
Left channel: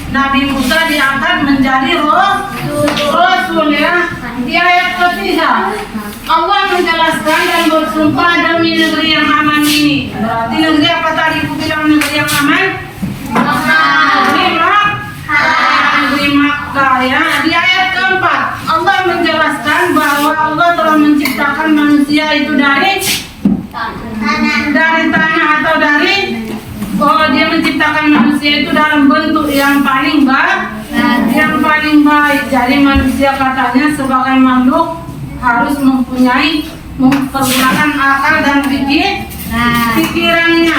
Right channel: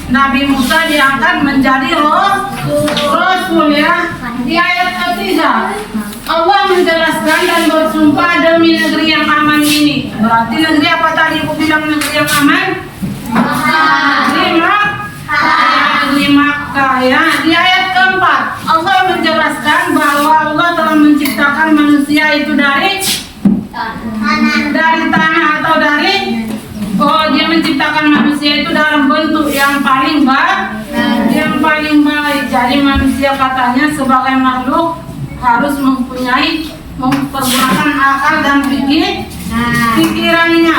Nabi Musa diangkat menjadi Rasul ya. Di ayat ketiga Allah menjelaskan dan bersumpah demi negeri yang aman ini. Berarti negeri apa tadi? Aku bilang negeri yang aman. Negeri Makkah ya. Di ayat keempat Allah menjelaskan bahwa Allah telah menciptakan manusia itu dari tanah atau dari dia menciptakan manusia itu dalam bentuk yang paling baik. Jadi manusia katanya sebagai makhluk harus mempergunakan akal dan pikirannya.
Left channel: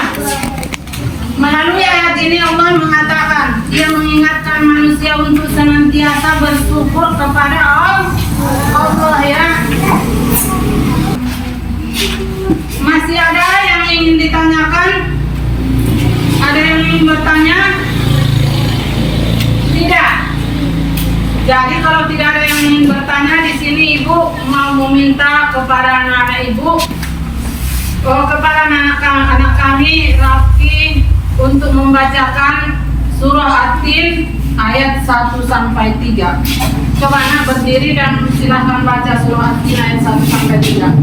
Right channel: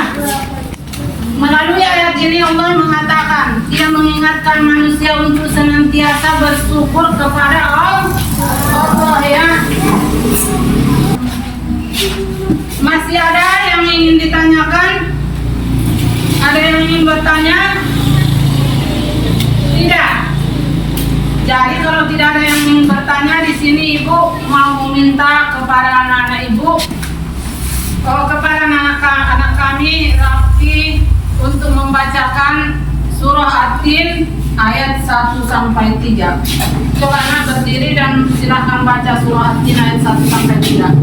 Melalui ayat ini Allah mengatakan, Dia mengingatkan manusia untuk senantiasa bersyukur kepada Allah ya. Masih ada yang ingin ditanyakan? Ada yang ingin bertanya? Tidak. Jadi kalau tidak ada yang ingin bertanya, di sini Ibu mau meminta kepada anak-anak Ibu, kepada anak kami Rafi untuk membacakan surah At-Tin ayat 1 sampai 3. Coba anak berdiri dan silahkan baca surah At-Tin ayat 1 sampai 3.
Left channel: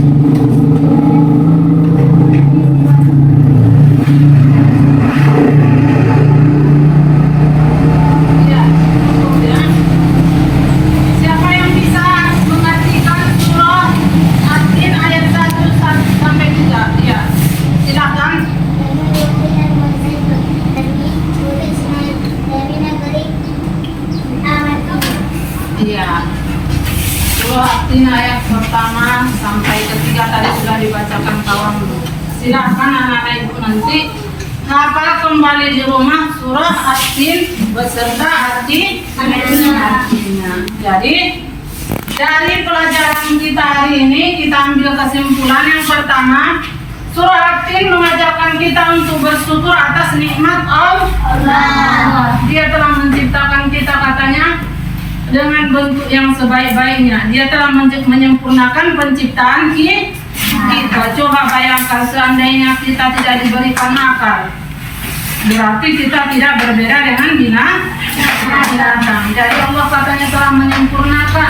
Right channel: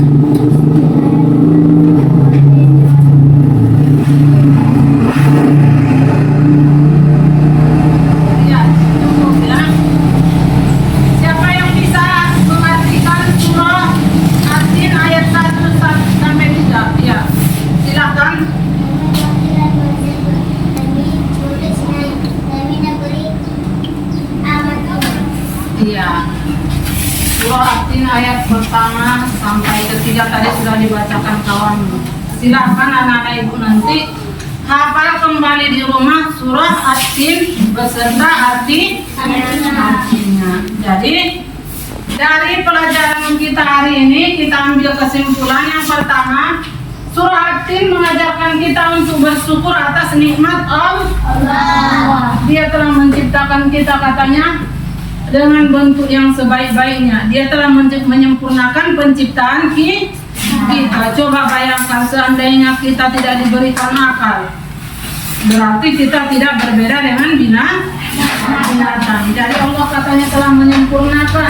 Ayat pertama sampai ketiga tadi sudah dibacakan kawan. Silahkan anak-anak Ibu nanti hafal kembali di rumah surah At-Tin beserta artinya. Jadi dari pelajaran kita hari ini kita ambil kesimpulan yang pertama, surah At-Tin mengajarkan kita untuk bersyukur atas nikmat Allah. Dia telah menciptakan kita katanya dengan bentuk yang sebaik-baiknya. Dia telah menyempurnakan penciptaan kita. Coba bayangkan seandainya kita tidak diberikan akal, berarti kita tidak berbeda dengan binatang. Jadi Allah katanya telah menyempurnakan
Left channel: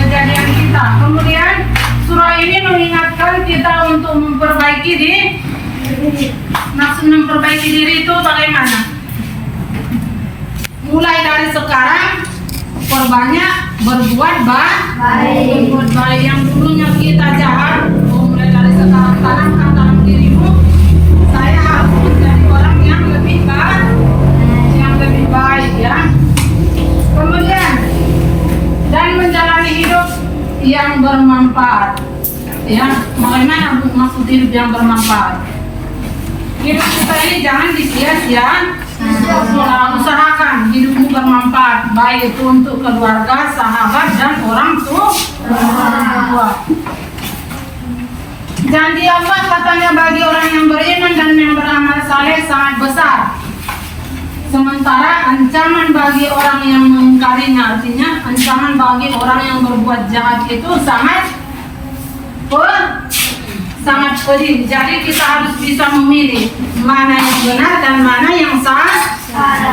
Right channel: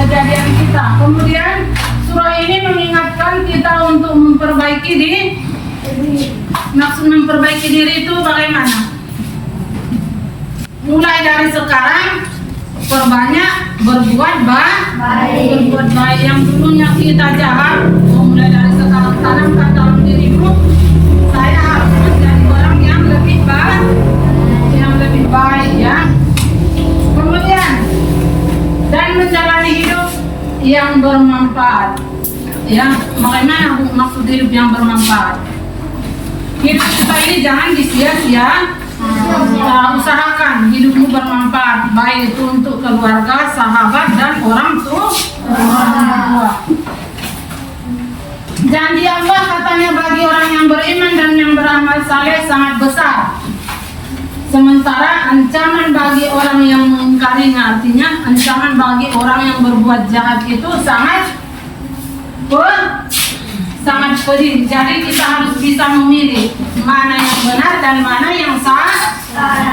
kejadian kita. Kemudian surah ini mengingatkan kita untuk memperbaiki diri. Maksud memperbaiki diri itu bagaimana? Mulai dari sekarang perbanyak berbuat baik. Yang dulunya kita jahat, mulai dari sekarang tanamkan dalam dirimu, saya harus menjadi orang yang lebih baik ya. Kemudian dan menjalani hidup yang bermanfaat ya. Bagaimana maksud hidup yang bermanfaat? Hidup kita ini jangan disia-sia. Usahakan hidupmu bermanfaat, baik itu untuk keluarga, sahabat, dan orang tua. Janji Allah katanya bagi orang yang beriman dan yang beramal saleh sangat besar. Sementara ancaman bagi orang yang mengingkarinya, artinya ancaman bagi orang yang berbuat jahat itu sangat pedih. Jadi kita harus bisa memilih mana yang benar dan mana yang salah,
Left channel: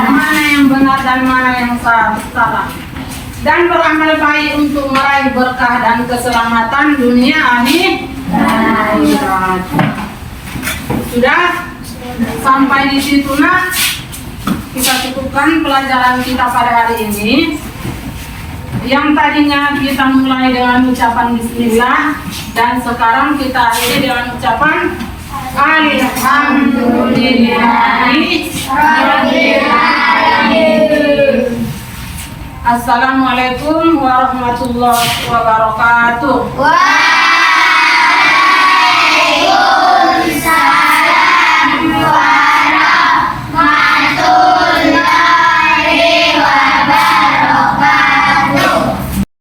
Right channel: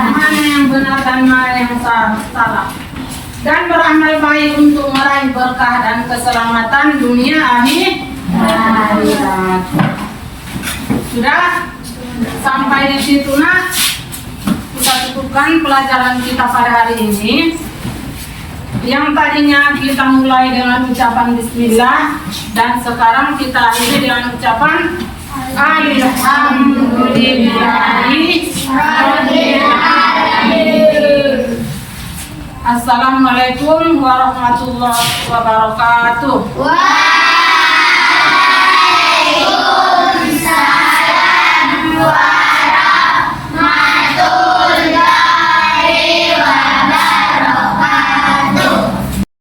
mana yang benar dan mana yang salah, dan beramal baik untuk meraih berkah dan keselamatan dunia akhirat. Sudah sampai di situ nak, kita cukupkan pelajaran kita pada hari ini. Yang tadinya kita mulai dengan ucapan bismillah, dan sekarang kita akhiri dengan ucapan alhamdulillahirrahmanirrahim. Assalamualaikum warahmatullahi wabarakatuh.